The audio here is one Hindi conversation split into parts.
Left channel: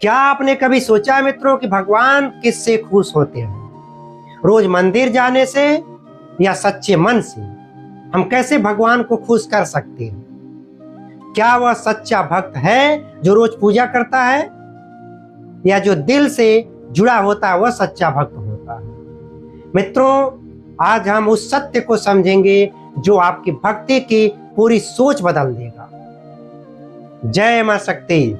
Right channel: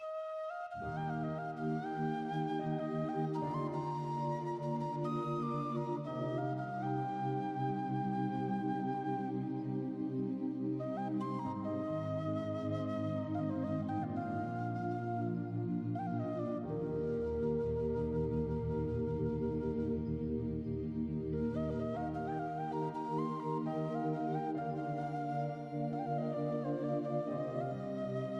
क्या आपने कभी सोचा है मित्रों कि भगवान किससे खुश होते हैं? रोज मंदिर जाने से या सच्चे मन से? हम कैसे भगवान को खुश कर सकते हैं? क्या वह सच्चा भक्त है जो रोज पूजा करता है, या जो दिल से जुड़ा होता है वह सच्चा भक्त होता है? मित्रों, आज हम उस सत्य को समझेंगे जो आपकी भक्ति की पूरी सोच बदल देगा। जय मां शक्ति।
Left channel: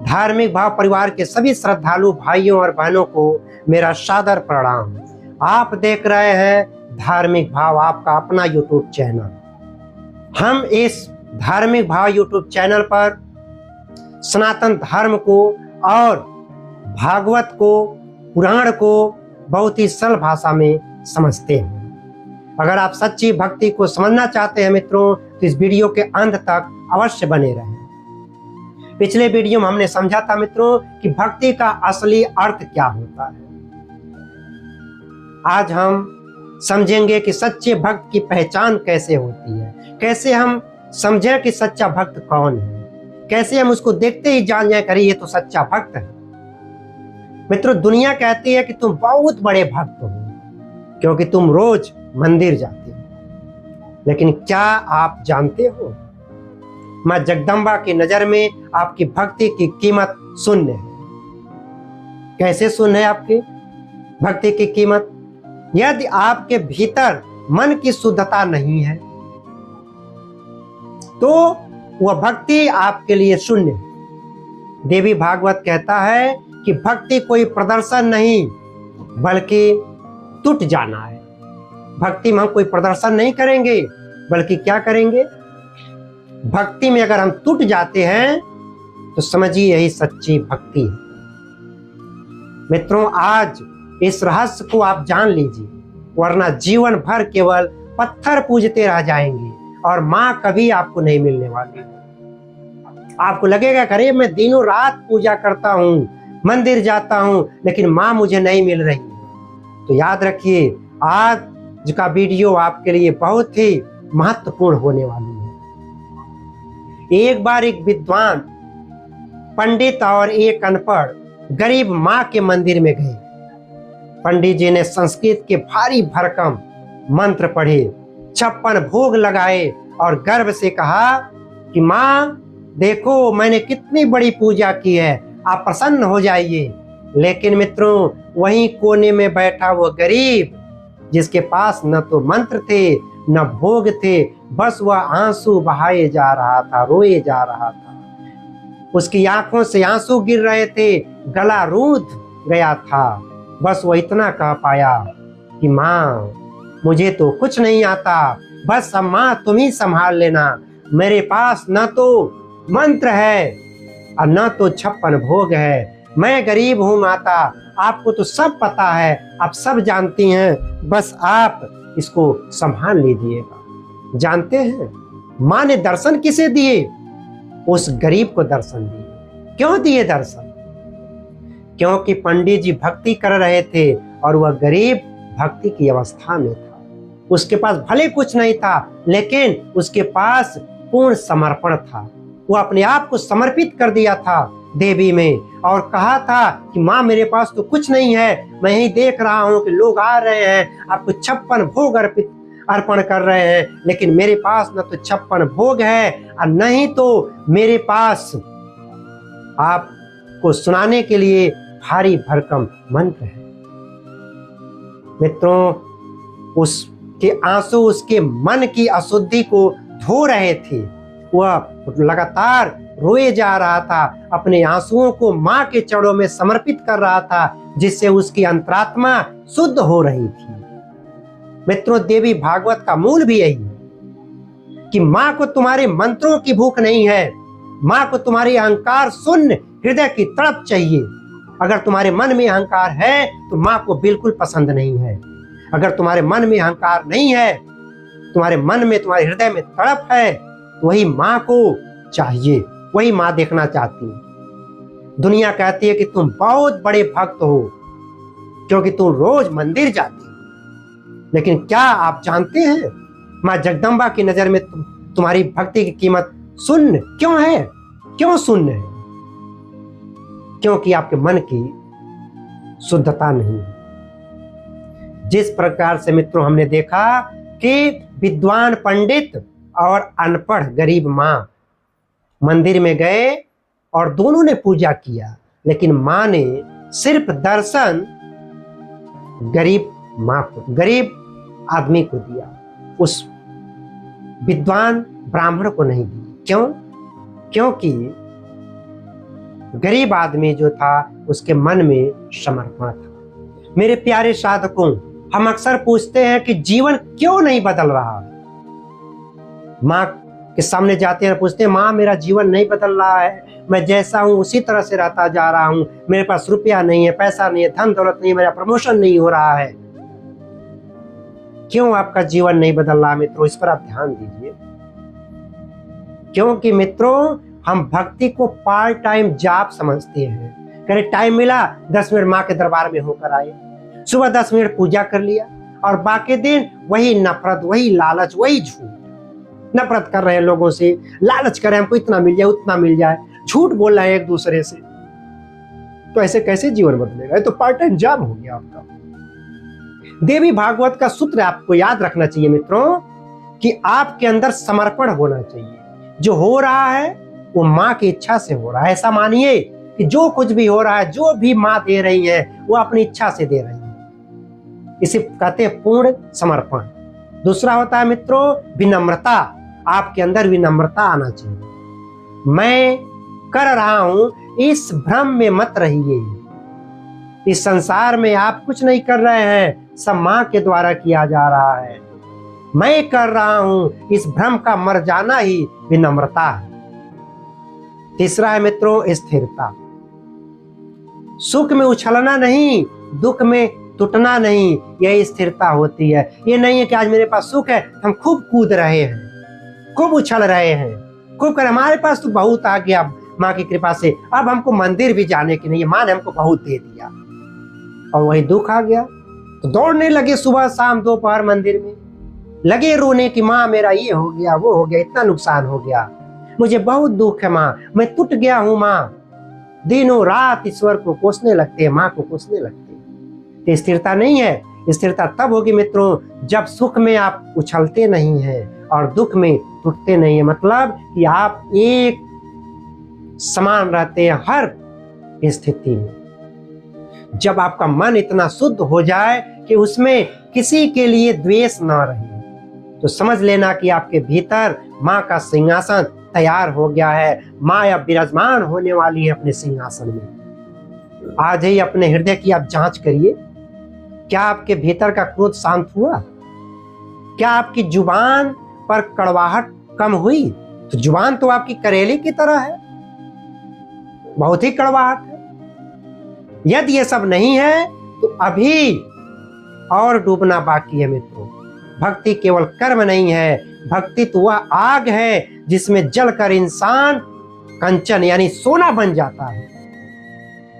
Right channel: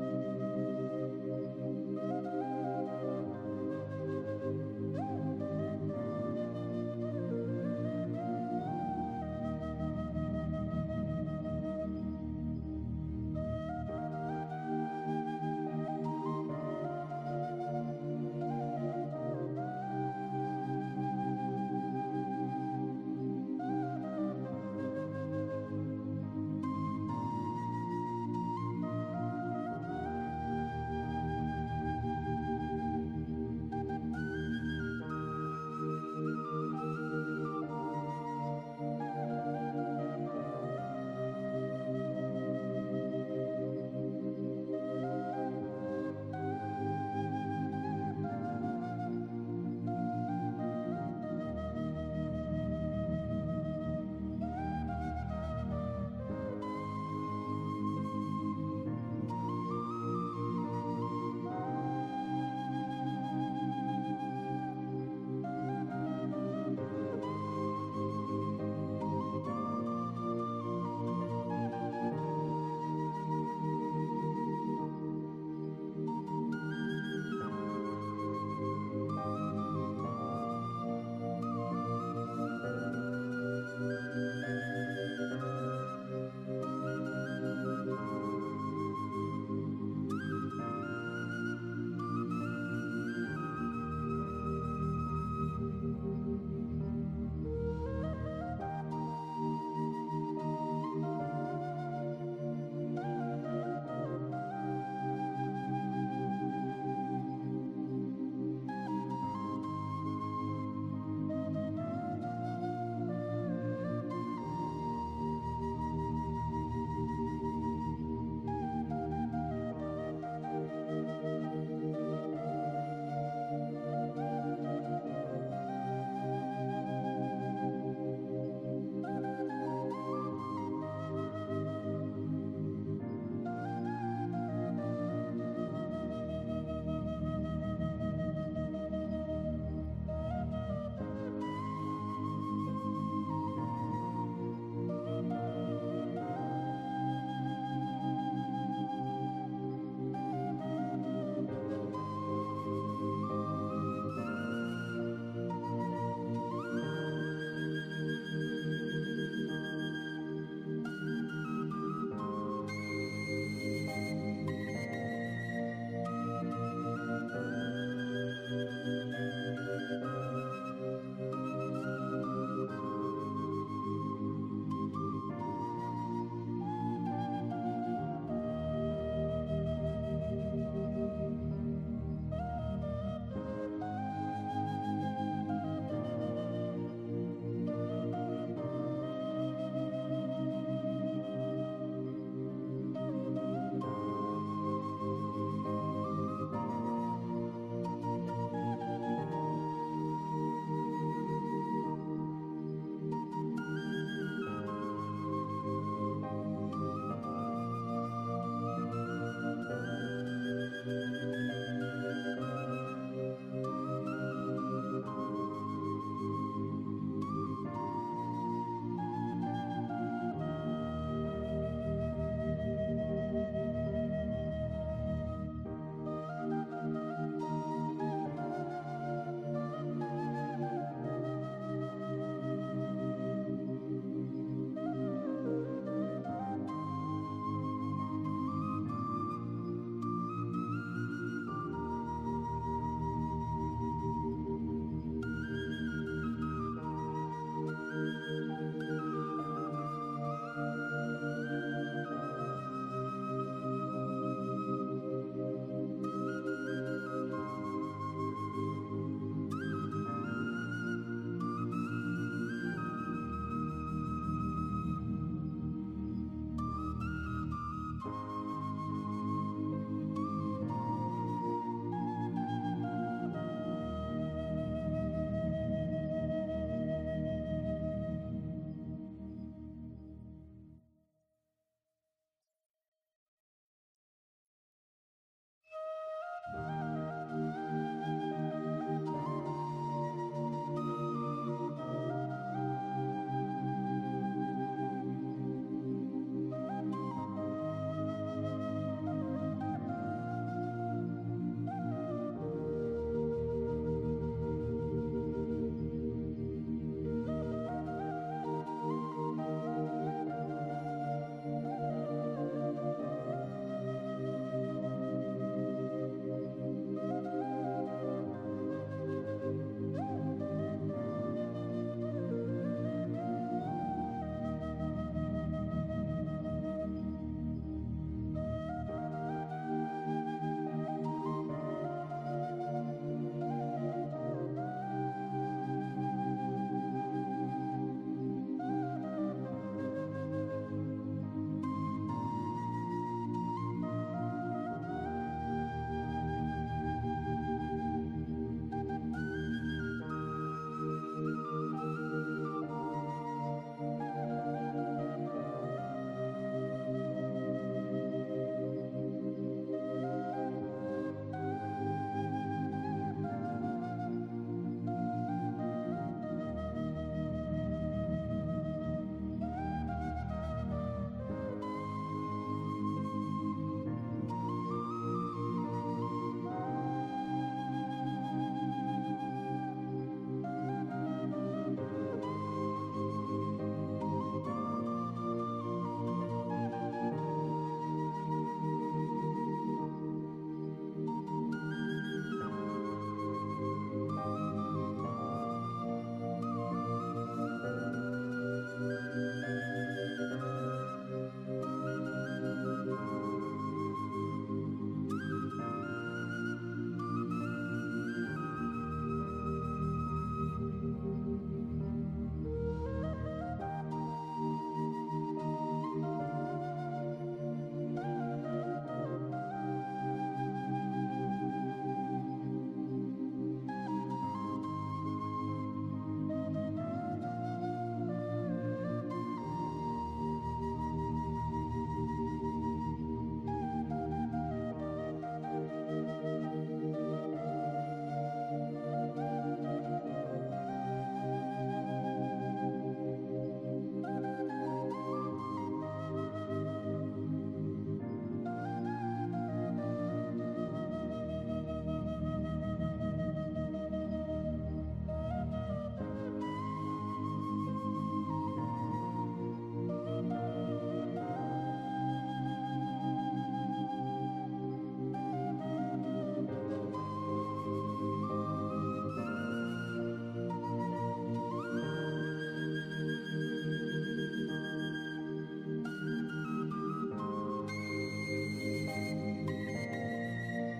धार्मिक भाव परिवार के सभी श्रद्धालु भाइयों और बहनों को मेरा सादर प्रणाम। आप देख रहे हैं धार्मिक भाव, आपका अपना यूट्यूब चैनल। हम इस धार्मिक भाव यूट्यूब चैनल पर सनातन धर्म को और भागवत को, पुराण को बहुत ही सरल भाषा में समझते हैं। अगर आप सच्ची भक्ति को समझना चाहते हैं मित्रों, तो इस वीडियो के अंत तक अवश्य बने रहें। पिछले वीडियो में हमने समझा था मित्रों कि भक्ति का असली अर्थ क्या होता है। आज हम समझेंगे कि सच्चे भक्त की पहचान कैसे होती है, कैसे हम समझें कि सच्चा भक्त कौन है, कैसे हम उसको देखते ही जान जाए करें ये तो सच्चा भक्त है। मित्रों, दुनिया कहती है कि तुम बहुत बड़े भक्त हो क्योंकि तुम रोज मंदिर जाते हो, लेकिन क्या आप जानते हो मां जगदम्बा की नजर में आपकी भक्ति की कीमत शून्य है। कैसे शून्य है आपकी भक्ति की कीमत? यदि आपके भीतर मन की शुद्धता नहीं है तो वह भक्ति आपके लिए शून्य है। देवी भागवत कहता है कि भक्ति कोई प्रदर्शन नहीं बल्कि टूट जाना है। भक्ति में हम कोई प्रदर्शन नहीं करेंगे बल्कि क्या करेंगे? भक्ति में अगर हम टूट जाते हैं तो समझिए यही सच्ची भक्ति है। मित्रों, आज इस रहस्य को आप जान लीजिए, वरना जीवन भर केवल पत्थर पूजते रह जाएंगे और मां कभी आपको नहीं मिलने वाली। आपको लगेगा अरे मैं दिनों रात पूजा करता हूं, मंदिर जाता हूं, लेकिन मां मुझे नहीं मिल रही। तो याद रखिए, आज का वीडियो आपके लिए बहुत ही महत्वपूर्ण होने वाली है। एक बार एक विद्वान पंडित और एक अनपढ़ गरीब मां के मंदिर में गए। पंडित जी ने संस्कृत के भारी भरकम मंत्र पढ़े, 56 भोग लगाए और गर्व से कहा कि मां देखो मैंने कितनी बड़ी पूजा की है, आप प्रसन्न हो जाइए। लेकिन मित्रों, वहीं कोने में बैठा वो गरीब जिसके पास न तो मंत्र थे न भोग थे, बस वह आंसू बहाए जा रहा था, रोए जा रहा था। उसकी आंखों से आंसू गिर रहे थे, गला रूंध गया था। बस वो इतना कह पाया कि माँ मुझे तो कुछ नहीं आता, बस अब माँ तुम ही संभाल लेना। मेरे पास न तो मंत्र है और न तो 56 भोग है। मैं गरीब हूँ माता, आपको तो सब पता है, आप सब जानती हैं, बस आप इसको संभाल लीजिएगा। जानते हैं मां ने दर्शन किसे दिए? उस गरीब को दर्शन दिए। क्यों दिए दर्शन? क्योंकि पंडित जी भक्ति कर रहे थे और वह गरीब भक्ति की अवस्था में था। उसके पास भले कुछ नहीं था, लेकिन उसके पास पूर्ण समर्पण था। वह अपने आप को समर्पित कर दिया था देवी में और कहा था कि माँ मेरे पास तो कुछ नहीं है, मैं ही देख रहा हूँ कि लोग आ रहे हैं, आपको 56 भोग अर्पण कर रहे हैं, लेकिन मेरे पास न तो 56 भोग है और नहीं तो मेरे पास आपको सुनाने के लिए भारी भरकम मंत्र है। मित्रों, उसके आंसू उसके मन की अशुद्धि को धो रहे थे। वह लगातार रोए जा रहा था, अपने आंसुओं को मां के चरणों में समर्पित कर रहा था, जिससे उसकी अंतरात्मा शुद्ध हो रही थी। मित्रों, देवी भागवत का मूल भी यही है कि मां को तुम्हारे मंत्रों की भूख नहीं है, मां को तुम्हारी अहंकार शून्य हृदय की तड़प चाहिए। अगर तुम्हारे मन में अहंकार है तो मां को बिल्कुल पसंद नहीं है। अगर तुम्हारे मन में अहंकार नहीं है, तुम्हारे मन में, तुम्हारे हृदय में तड़प है, तो वही मां को चाहिए, वही मां देखना चाहती है। दुनिया कहती है कि तुम बहुत बड़े भक्त हो क्योंकि तुम रोज मंदिर जाती हो, लेकिन क्या आप जानते हैं मां जगदम्बा की नजर में तुम्हारी भक्ति की कीमत शून्य क्यों है? क्यों शून्य है? क्योंकि आपके मन की शुद्धता नहीं है। जिस प्रकार से मित्रों हमने देखा कि विद्वान पंडित और अनपढ़ गरीब माँ मंदिर में गए और दोनों ने पूजा किया, लेकिन माँ ने सिर्फ दर्शन गरीब आदमी को दिया, उस विद्वान ब्राह्मण को नहीं दिया। क्यों? क्योंकि गरीब आदमी जो था उसके मन में समर्पण था। मेरे प्यारे साधकों, हम अक्सर पूछते हैं कि जीवन क्यों नहीं बदल रहा। माँ के सामने जाते हैं, पूछते हैं माँ मेरा जीवन नहीं बदल रहा है, मैं जैसा हूँ उसी तरह से रहता जा रहा हूँ, मेरे पास रुपया नहीं है, पैसा नहीं है, धन दौलत नहीं है, मेरा प्रमोशन नहीं हो रहा है। क्यों आपका जीवन नहीं बदल रहा मित्रों? इस पर आप ध्यान दीजिए। क्योंकि मित्रों हम भक्ति को पार्ट टाइम जॉब समझते हैं। कहीं टाइम मिला 10 मिनट माँ के दरबार में होकर आए, सुबह 10 मिनट पूजा कर लिया और बाकी दिन वही नफरत, वही लालच, वही झूठ। नफरत कर रहे हैं लोगों से, लालच कर रहे हैं हमको इतना मिल जाए उतना मिल जाए, झूठ बोल रहे हैं एक दूसरे से। तो ऐसे कैसे जीवन बदलेगा? ये तो पार्ट टाइम जॉब हो गया आपका। देवी भागवत का सूत्र आपको याद रखना चाहिए मित्रों कि आपके अंदर समर्पण होना चाहिए। जो हो रहा है वो माँ की इच्छा से हो रहा है। ऐसा मानिए कि जो कुछ भी हो रहा है, जो भी माँ दे रही है, वो अपनी इच्छा से दे रही है। इसे कहते हैं पूर्ण समर्पण। दूसरा होता है मित्रों विनम्रता। आपके अंदर विनम्रता आना चाहिए। मैं कर रहा हूं इस भ्रम में मत रहिए। इस संसार में आप कुछ नहीं कर रहे हैं, सब माँ के द्वारा किया जा रहा है। मैं कर रहा हूं, इस भ्रम का मर जाना ही विनम्रता है। तीसरा है मित्रों स्थिरता। सुख में उछलना नहीं, दुख में टूटना नहीं, यह स्थिरता होती है। ये नहीं है कि आज मेरे पास सुख है, हम खूब कूद रहे हैं, खूब उछल रहे हैं, खूब कर हमारे पास तो बहुत आ गया माँ की कृपा से, अब हमको मंदिर भी जाने की नहीं है, माँ ने हमको बहुत दे दिया। और वही दुख आ गया तो दौड़ने लगे सुबह शाम दोपहर मंदिर में, लगे रोने की माँ मेरा ये हो गया, वो हो गया, इतना नुकसान हो गया, मुझे बहुत दुख है माँ, मैं टूट गया हूँ माँ। दिनों रात ईश्वर को कोसने लगते हैं, माँ को कोसने लगते हैं। तो स्थिरता नहीं है। स्थिरता तब होगी मित्रों जब सुख में आप उछलते नहीं हैं और दुख में टूटते नहीं है। मतलब कि आप एक समान रहते हैं हर स्थिति में। जब आपका मन इतना शुद्ध हो जाए कि उसमें किसी के लिए द्वेष ना रहे, तो समझ लेना कि आपके भीतर माँ का सिंहासन तैयार हो गया है। माँ अब विराजमान होने वाली है अपने सिंहासन में। आज ही अपने हृदय की आप जांच करिए, क्या आपके भीतर का क्रोध शांत हुआ? क्या आपकी जुबान पर कड़वाहट कम हुई? तो जुबान तो आपकी करेले की तरह है, बहुत ही कड़वाहट है। यदि ये सब नहीं है तो अभी और डूबना बाकी है मित्रों। भक्ति केवल कर्म नहीं है, भक्ति तो वह आग है जिसमें जलकर इंसान कंचन यानी सोना बन जाता है।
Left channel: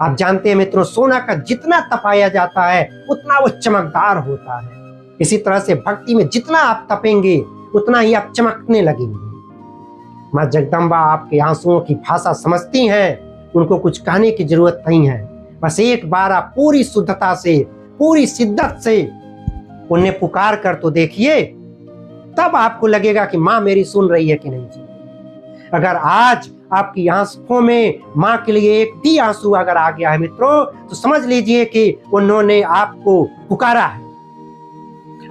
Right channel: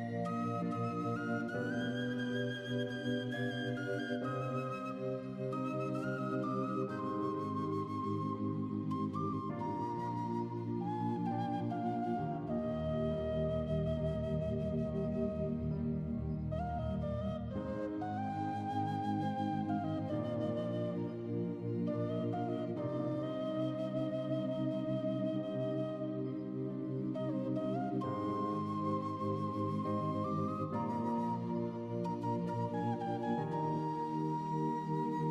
आप जानते हैं मित्रों, सोना का जितना तपाया जाता है उतना वो चमकदार होता है। इसी तरह से भक्ति में जितना आप तपेंगे उतना ही आप चमकने लगेंगे। माँ जगदम्बा आपके आंसुओं की भाषा समझती हैं, उनको कुछ कहने की जरूरत नहीं है। बस एक बार आप पूरी शुद्धता से, पूरी शिद्दत से उन्हें पुकार कर तो देखिए, तब आपको लगेगा कि माँ मेरी सुन रही है कि नहीं सुन रही। अगर आज आपकी आंखों में माँ के लिए एक भी आंसू अगर आ गया है मित्रों, तो समझ लीजिए कि उन्होंने आपको पुकारा है।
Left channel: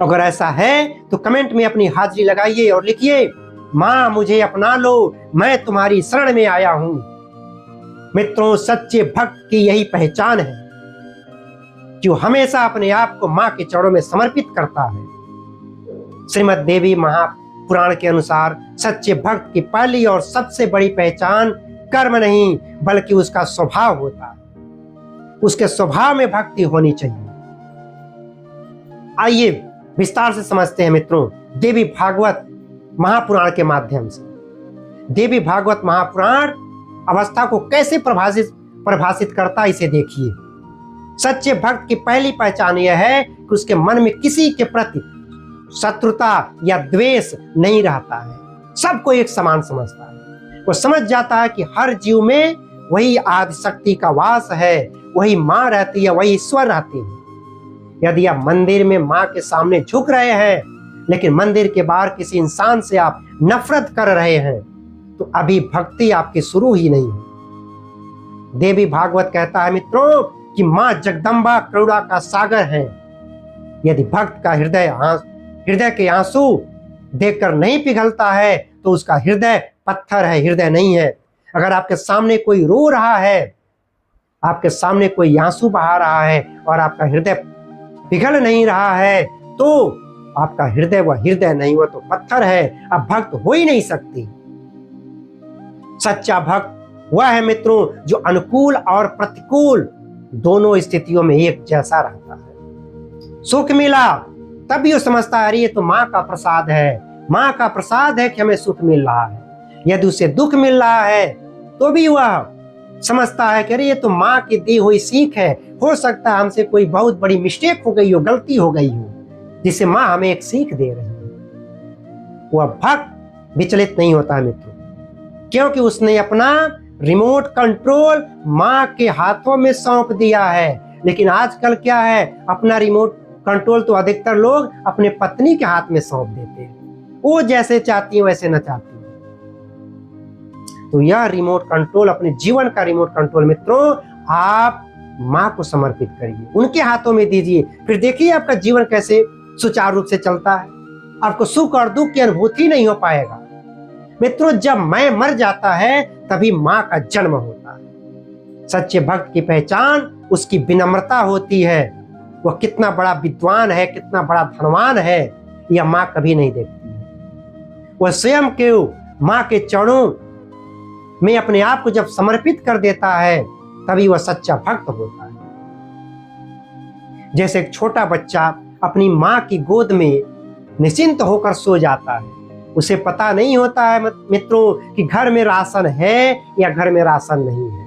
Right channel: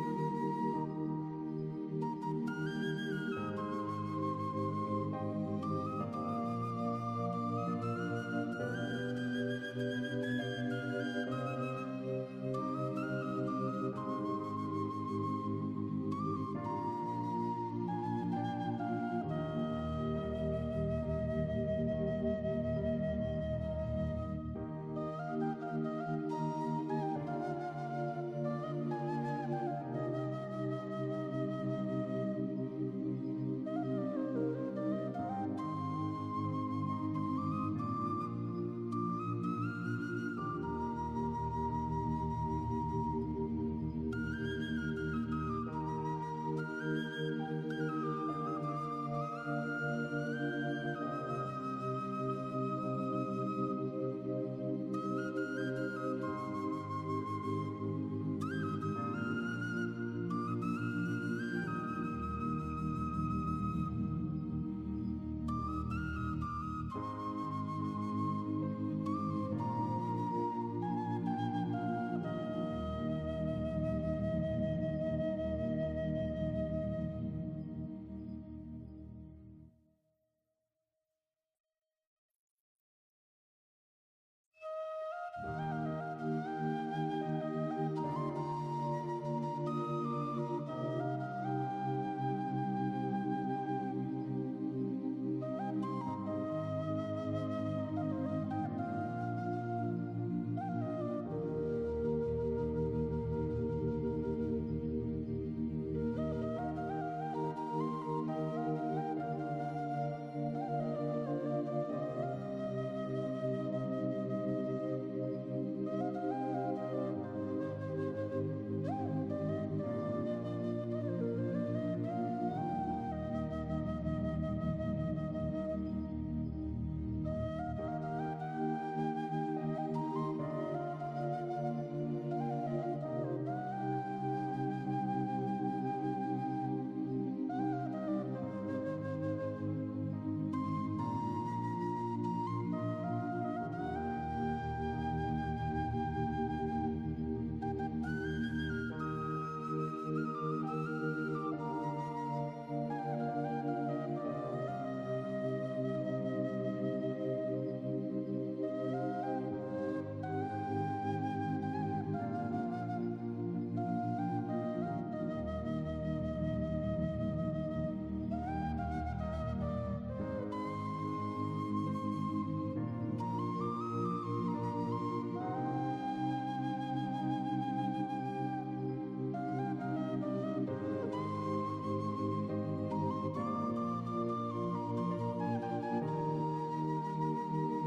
अगर ऐसा है तो कमेंट में अपनी हाजिरी लगाइए और लिखिए, माँ मुझे अपना लो, मैं तुम्हारी शरण में आया हूं। मित्रों, सच्चे भक्त की यही पहचान है, जो हमेशा अपने आप को माँ के चरणों में समर्पित करता है। श्रीमद् देवी महापुराण के अनुसार सच्चे भक्त की पहली और सबसे बड़ी पहचान कर्म नहीं बल्कि उसका स्वभाव होता है। उसके स्वभाव में भक्ति होनी चाहिए। आइए विस्तार से समझते हैं मित्रों देवी भागवत महापुराण के माध्यम से। देवी भागवत महापुराण अवस्था को कैसे परिभाषित करता है, इसे देखिए। सच्चे भक्त की पहली पहचान यह है कि उसके मन में किसी के प्रति शत्रुता या द्वेष नहीं रहता है, सबको एक समान समझता है। वो समझ जाता है कि हर जीव में वही आदि शक्ति का वास है, वही माँ रहती है, वही ईश्वर रहती है। यदि आप मंदिर में माँ के सामने झुक रहे हैं लेकिन मंदिर के बाहर किसी इंसान से आप नफरत कर रहे हैं तो अभी भक्ति आपकी शुरू ही नहीं हुई। देवी भागवत कहता है मित्रों कि माँ जगदम्बा करुणा का सागर है। यदि भक्त का हृदय के आंसू देखकर नहीं पिघलता है तो उसका हृदय पत्थर है, हृदय नहीं है। अगर आपके सामने कोई रो रहा है, आपके सामने कोई आंसू बहा रहा है और आपका हृदय पिघल नहीं रहा है तो आपका हृदय वह हृदय नहीं, वह तो पत्थर है, अब भक्त हो ही नहीं सकती। सच्चा भक्त वह है मित्रों जो अनुकूल और प्रतिकूल दोनों स्थितियों में एक जैसा रहता है। सुख मिला तब भी वो समझता है अरे ये तो माँ का प्रसाद है, माँ का प्रसाद है कि हमें सुख मिल रहा है। यदि उसे दुख मिल रहा है तो भी वह समझता है कि अरे ये तो माँ की दी हुई सीख है, हो सकता है हमसे कोई बहुत बड़ी मिस्टेक हो गई हो, गलती हो गई हो, जिसे माँ हमें एक सीख दे रही है। वह भक्त विचलित नहीं होता है मित्रों, क्योंकि उसने अपना रिमोट कंट्रोल माँ के हाथों में सौंप दिया है। लेकिन आजकल क्या है, अपना रिमोट कंट्रोल तो अधिकतर लोग अपने पत्नी के हाथ में सौंप देते हैं, वो जैसे चाहती है वैसे न चाहती है। तो यह रिमोट कंट्रोल, अपने जीवन का रिमोट कंट्रोल मित्रों आप माँ को समर्पित करिए, उनके हाथों में दीजिए, फिर देखिए आपका जीवन कैसे सुचारू रूप से चलता है। आपको सुख और दुख की अनुभूति नहीं हो पाएगा। मित्रों जब मैं मर जाता है तभी माँ का जन्म होता है। सच्चे भक्त की पहचान उसकी विनम्रता होती है। वह कितना बड़ा विद्वान है, कितना बड़ा धनवान है, यह माँ कभी नहीं देखती है। वह स्वयं के माँ के चरणों में अपने आप को जब समर्पित कर देता है तभी वह सच्चा भक्त होता है। जैसे एक छोटा बच्चा अपनी माँ की गोद में निश्चिंत होकर सो जाता है, उसे पता नहीं होता है मित्रों कि घर में राशन है या घर में राशन नहीं है।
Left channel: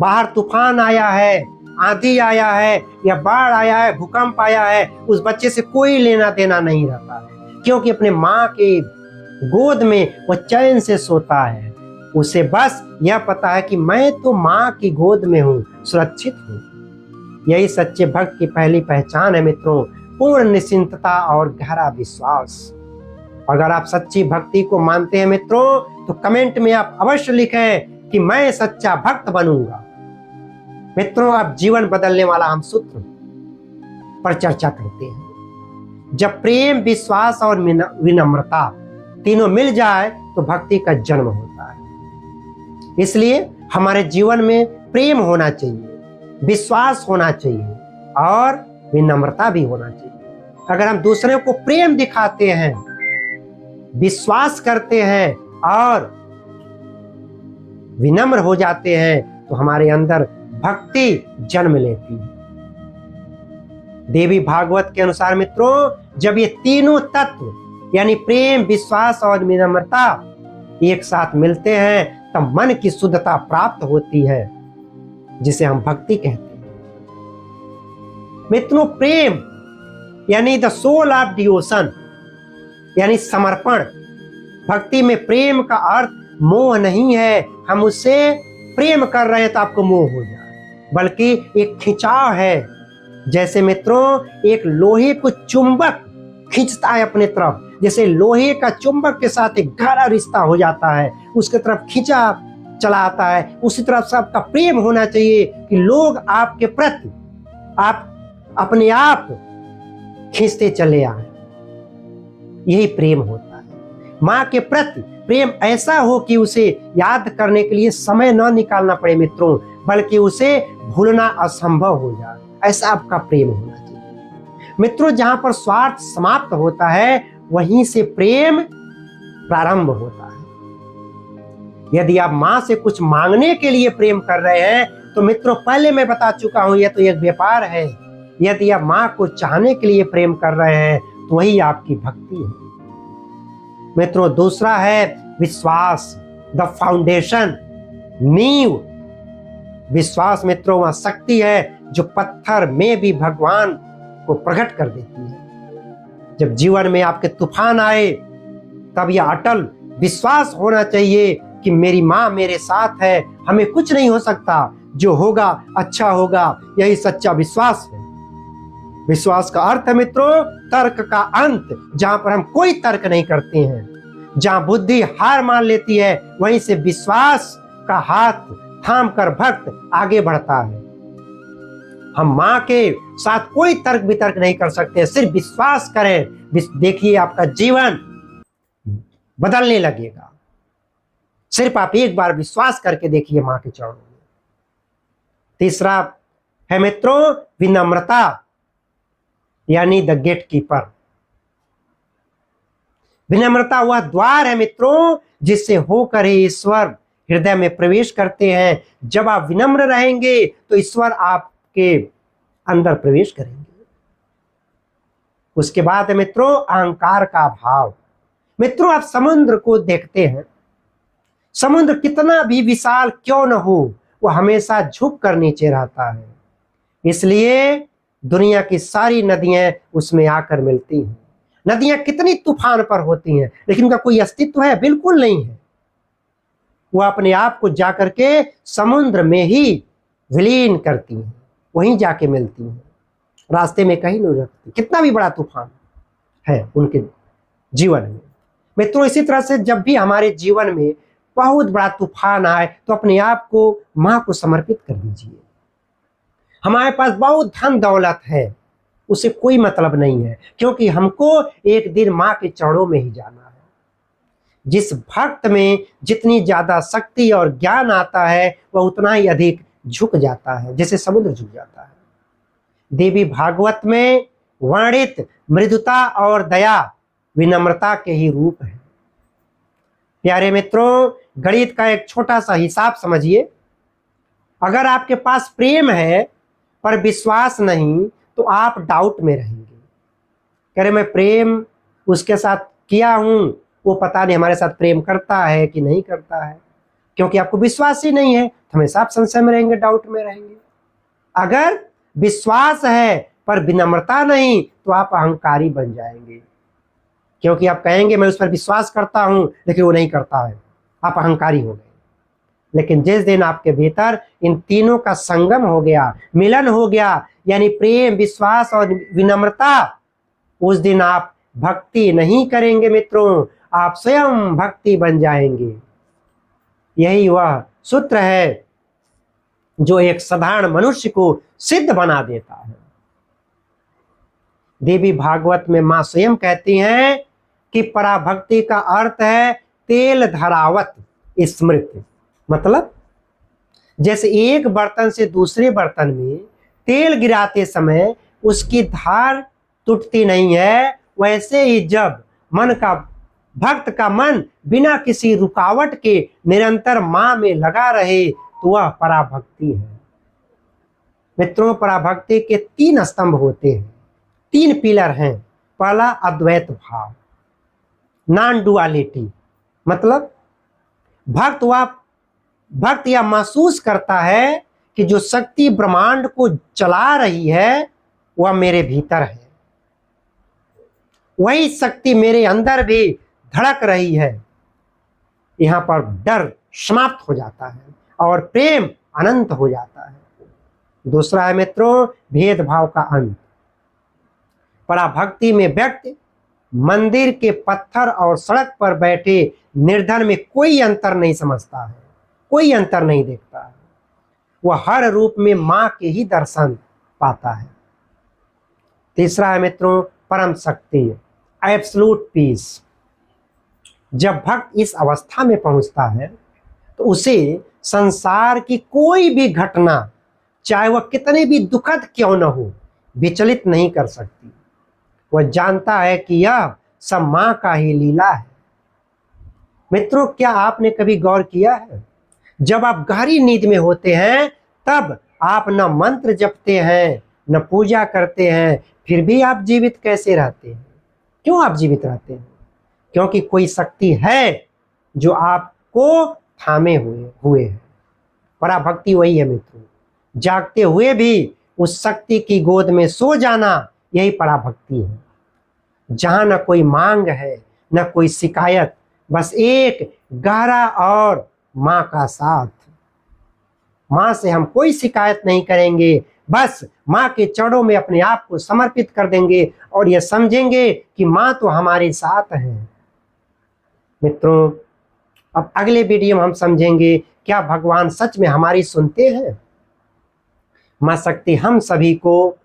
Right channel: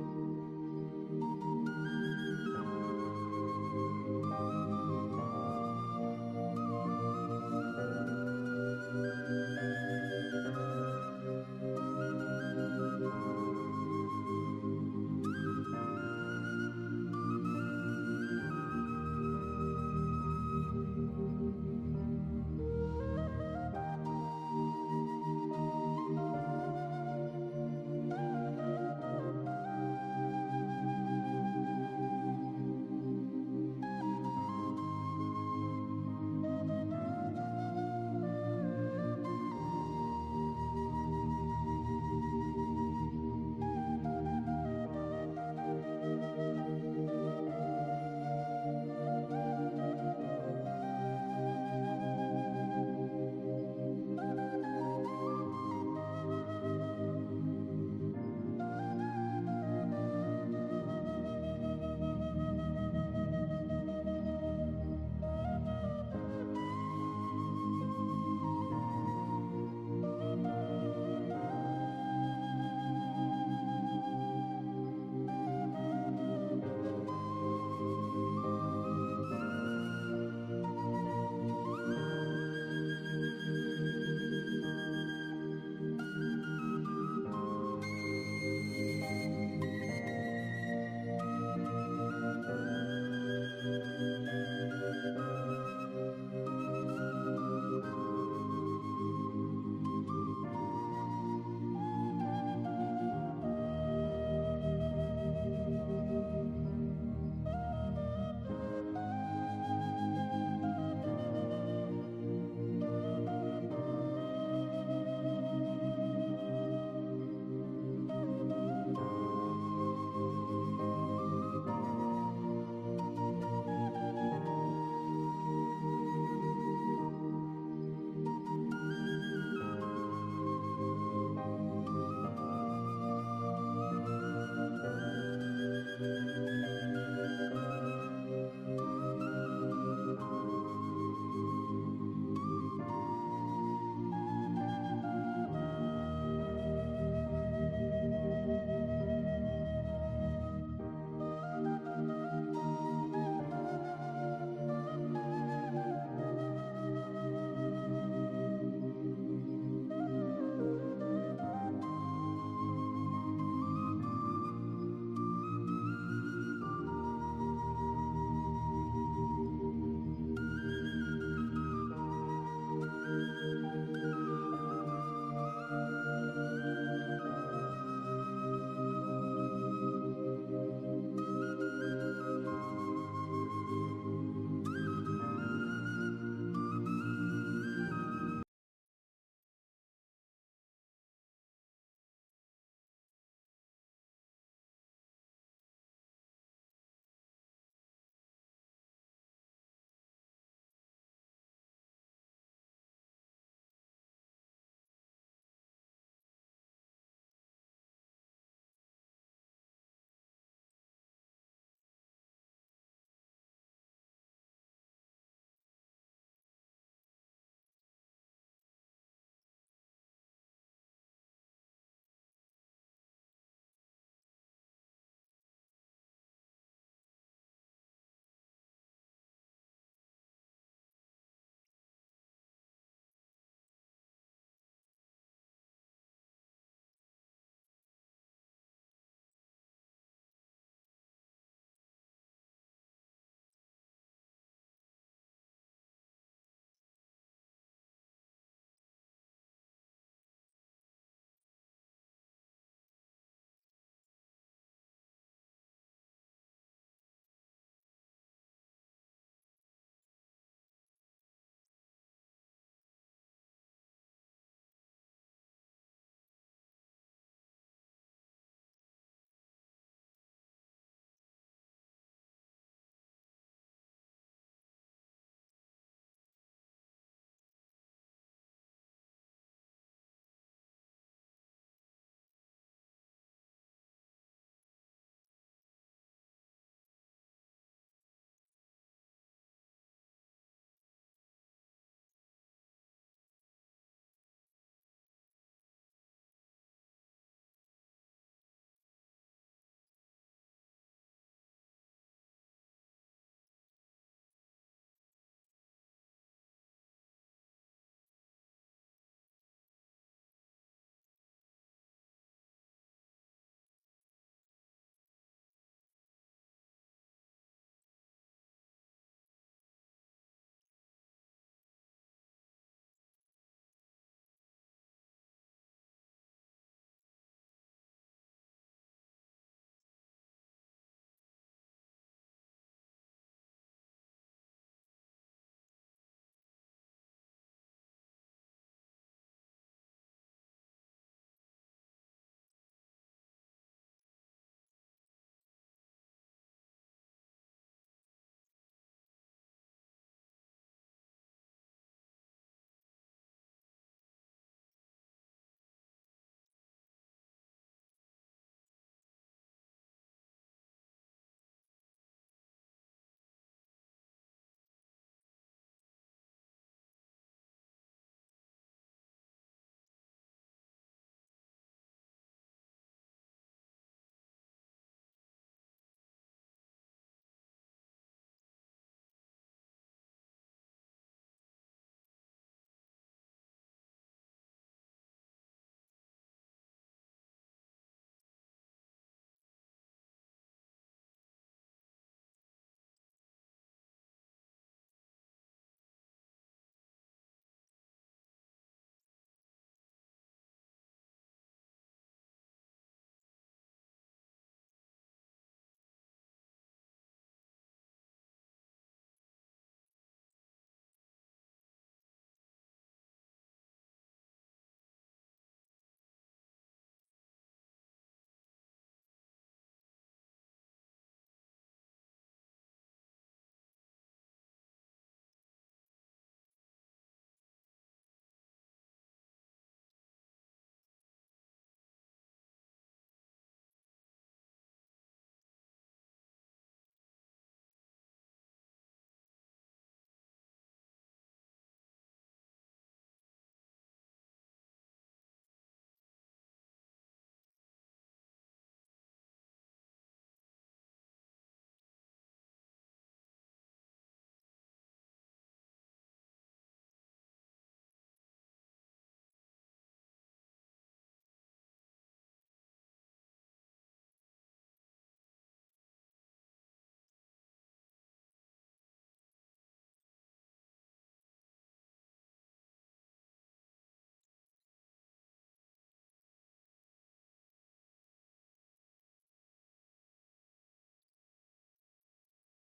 बाहर तूफान आया है, आंधी आया है या बाढ़ आया है, भूकंप आया है, उस बच्चे से कोई लेना देना नहीं रहता है, क्योंकि अपने माँ के गोद में वह चैन से सोता है। उसे बस यह पता है कि मैं तो माँ की गोद में हूँ, सुरक्षित हूँ। यही सच्चे भक्त की पहली पहचान है मित्रों, पूर्ण निश्चिंतता और गहरा विश्वास। अगर आप सच्ची भक्ति को मानते हैं मित्रों तो कमेंट में आप अवश्य लिखें कि मैं सच्चा भक्त बनूंगा। मित्रों अब जीवन बदलने वाला हम सूत्र पर चर्चा करते हैं। जब प्रेम, विश्वास और विनम्रता तीनों मिल जाए तो भक्ति का जन्म होता है। इसलिए हमारे जीवन में प्रेम होना चाहिए, विश्वास होना चाहिए और विनम्रता भी होना चाहिए। अगर हम दूसरे को प्रेम दिखाते हैं, विश्वास करते हैं और विनम्र हो जाते हैं तो हमारे अंदर भक्ति जन्म लेती है। देवी भागवत के अनुसार मित्रों जब ये तीनों तत्व यानी प्रेम, विश्वास और विनम्रता एक साथ मिलते हैं तब मन की शुद्धता प्राप्त होती है, जिसे हम भक्ति कहते हैं। मित्रों प्रेम यानी द सोल ऑफ डिवोशन यानी समर्पण। भक्ति में प्रेम का अर्थ मोह नहीं है, हम उससे प्रेम कर रहे हैं तो आपको मोह हो जाए, बल्कि एक खिंचाव है। जैसे मित्रों एक लोहे को चुंबक खींचता है अपने तरफ, जैसे लोहे का चुंबक के साथ एक गहरा रिश्ता हो जाता है, उसके तरफ खींचा चला आता है, उसी तरफ से आपका प्रेम होना चाहिए कि लोग आपके प्रति आप अपने आप खींचते चले आए। यही प्रेम होता है। माँ के प्रति प्रेम ऐसा हो कि उसे याद करने के लिए समय न निकालना पड़े मित्रों, बल्कि उसे भूलना असंभव हो जाए, ऐसा आपका प्रेम होना चाहिए। मित्रों जहां पर स्वार्थ समाप्त होता है वहीं से प्रेम प्रारंभ होता है। यदि आप माँ से कुछ मांगने के लिए प्रेम कर रहे हैं तो मित्रों पहले मैं बता चुका हूं यह तो एक व्यापार है। यदि आप माँ को चाहने के लिए प्रेम कर रहे हैं तो वही आपकी भक्ति है। मित्रों दूसरा है विश्वास, द फाउंडेशन, नींव। विश्वास मित्रों वह शक्ति है जो पत्थर में भी भगवान को प्रकट कर देती है। जब जीवन में आपके तूफान आए तब यह अटल विश्वास होना चाहिए कि मेरी माँ मेरे साथ है, हमें कुछ नहीं हो सकता, जो होगा अच्छा होगा, यही सच्चा विश्वास है। विश्वास का अर्थ है मित्रों तर्क का अंत, जहां पर हम कोई तर्क नहीं करते हैं। जहां बुद्धि हार मान लेती है, वहीं से विश्वास का हाथ थाम कर भक्त आगे बढ़ता है। हम माँ के साथ कोई तर्क वितर्क नहीं कर सकते, सिर्फ विश्वास करें, देखिए आपका जीवन बदलने लगेगा। सिर्फ आप एक बार विश्वास करके देखिए माँ के चरणों में। तीसरा है मित्रों विनम्रता, यानी द गेट कीपर। विनम्रता वह द्वार है मित्रों जिससे होकर ही ईश्वर हृदय में प्रवेश करते हैं। जब आप विनम्र रहेंगे तो ईश्वर आपके अंदर प्रवेश करेंगे। उसके बाद है मित्रों अहंकार का भाव। मित्रों आप समुद्र को देखते हैं, समुद्र कितना भी विशाल क्यों न हो, वो हमेशा झुक कर नीचे रहता है। इसलिए दुनिया की सारी नदियां उसमें आकर मिलती हैं। नदियां कितनी तूफान पर होती हैं, लेकिन उनका कोई अस्तित्व है? बिल्कुल नहीं है। वो अपने आप को जाकर के समुद्र में ही विलीन करती हैं, वहीं जाके मिलती हैं, रास्ते में कहीं नहीं रुकती, कितना भी बड़ा तूफान है उनके जीवन में। मित्रों इसी तरह से जब भी हमारे जीवन में बहुत बड़ा तूफान आए तो अपने आप को माँ को समर्पित कर दीजिए। हमारे पास बहुत धन दौलत है, उसे कोई मतलब नहीं है, क्योंकि हमको एक दिन माँ के चरणों में ही जाना है। जिस भक्त में जितनी ज्यादा शक्ति और ज्ञान आता है वह उतना ही अधिक झुक जाता है, जैसे समुद्र झुक जाता है। देवी भागवत में वर्णित मृदुता और दया विनम्रता के ही रूप है। प्यारे मित्रों गणित का एक छोटा सा हिसाब समझिए। अगर आपके पास प्रेम है पर विश्वास नहीं तो आप डाउट में रहेंगे। कह रहे मैं प्रेम उसके साथ किया हूं, वो पता नहीं हमारे साथ प्रेम करता है कि नहीं करता है, क्योंकि आपको विश्वास ही नहीं है तो हमेशा आप संशय में रहेंगे, डाउट में रहेंगे। अगर विश्वास है पर विनम्रता नहीं तो आप अहंकारी बन जाएंगे, क्योंकि आप कहेंगे मैं उस पर विश्वास करता हूं लेकिन वो नहीं करता है, आप अहंकारी हो गए। लेकिन जिस दिन आपके भीतर इन तीनों का संगम हो गया, मिलन हो गया, यानी प्रेम विश्वास और विनम्रता, उस दिन आप भक्ति नहीं करेंगे मित्रों, आप स्वयं भक्ति बन जाएंगे। यही वह सूत्र है जो एक साधारण मनुष्य को सिद्ध बना देता है। देवी भागवत में मां स्वयं कहती हैं कि पराभक्ति का अर्थ है तेल धरावत स्मृति। मतलब जैसे एक बर्तन से दूसरे बर्तन में तेल गिराते समय उसकी धार टूटती नहीं है, वैसे ही जब भक्त का मन बिना किसी रुकावट के निरंतर मां में लगा रहे तो वह पराभक्ति है। मित्रों पराभक्ति के 3 स्तंभ होते हैं, 3 पिलर हैं। पहला अद्वैत भाव, नॉन डुअलिटी। मतलब भक्त यह महसूस करता है कि जो शक्ति ब्रह्मांड को चला रही है वह मेरे भीतर है, वही शक्ति मेरे अंदर भी धड़क रही है। यहाँ पर डर समाप्त हो जाता है और प्रेम अनंत हो जाता है। दूसरा है मित्रों भेदभाव का अंत। पराभक्ति में व्यक्ति मंदिर के पत्थर और सड़क पर बैठे निर्धन में कोई अंतर नहीं समझता है, कोई अंतर नहीं देखता है। वह हर रूप में मां के ही दर्शन पाता है। तीसरा है मित्रों परम शक्ति, एब्सोल्यूट पीस। जब भक्त इस अवस्था में पहुंचता है तो उसे संसार की कोई भी घटना, चाहे वह कितनी भी दुखद क्यों न हो, विचलित नहीं कर सकती। वह जानता है कि यह सब मां का ही लीला है। मित्रों क्या आपने कभी गौर किया है, जब आप गहरी नींद में होते हैं तब आप न मंत्र जपते हैं न पूजा करते हैं, फिर भी आप जीवित कैसे रहते हैं? क्यों आप जीवित रहते हैं? क्योंकि कोई शक्ति है जो आपको थामे हुए है। पराभक्ति वही है मित्रों, जागते हुए भी उस शक्ति की गोद में सो जाना, यही पराभक्ति है। जहां न कोई मांग है न कोई शिकायत, बस एक गहरा और माँ का साथ। माँ से हम कोई शिकायत नहीं करेंगे, बस माँ के चरणों में अपने आप को समर्पित कर देंगे और ये समझेंगे कि माँ तो हमारे साथ है। मित्रों, अब अगले वीडियो में हम समझेंगे क्या भगवान सच में हमारी सुनते हैं। माँ शक्ति हम सभी को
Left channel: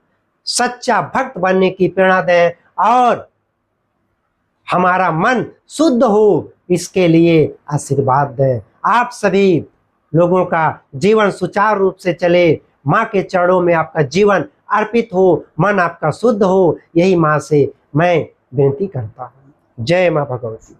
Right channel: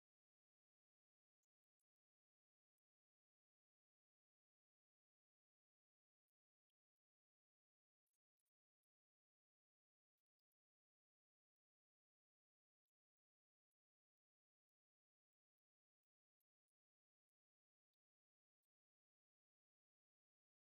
सच्चा भक्त बनने की प्रेरणा दें और हमारा मन शुद्ध हो, इसके लिए आशीर्वाद दें। आप सभी लोगों का जीवन सुचारू रूप से चले, माँ के चरणों में आपका जीवन अर्पित हो, मन आपका शुद्ध हो, यही माँ से मैं विनती करता हूँ। जय माँ भगवती।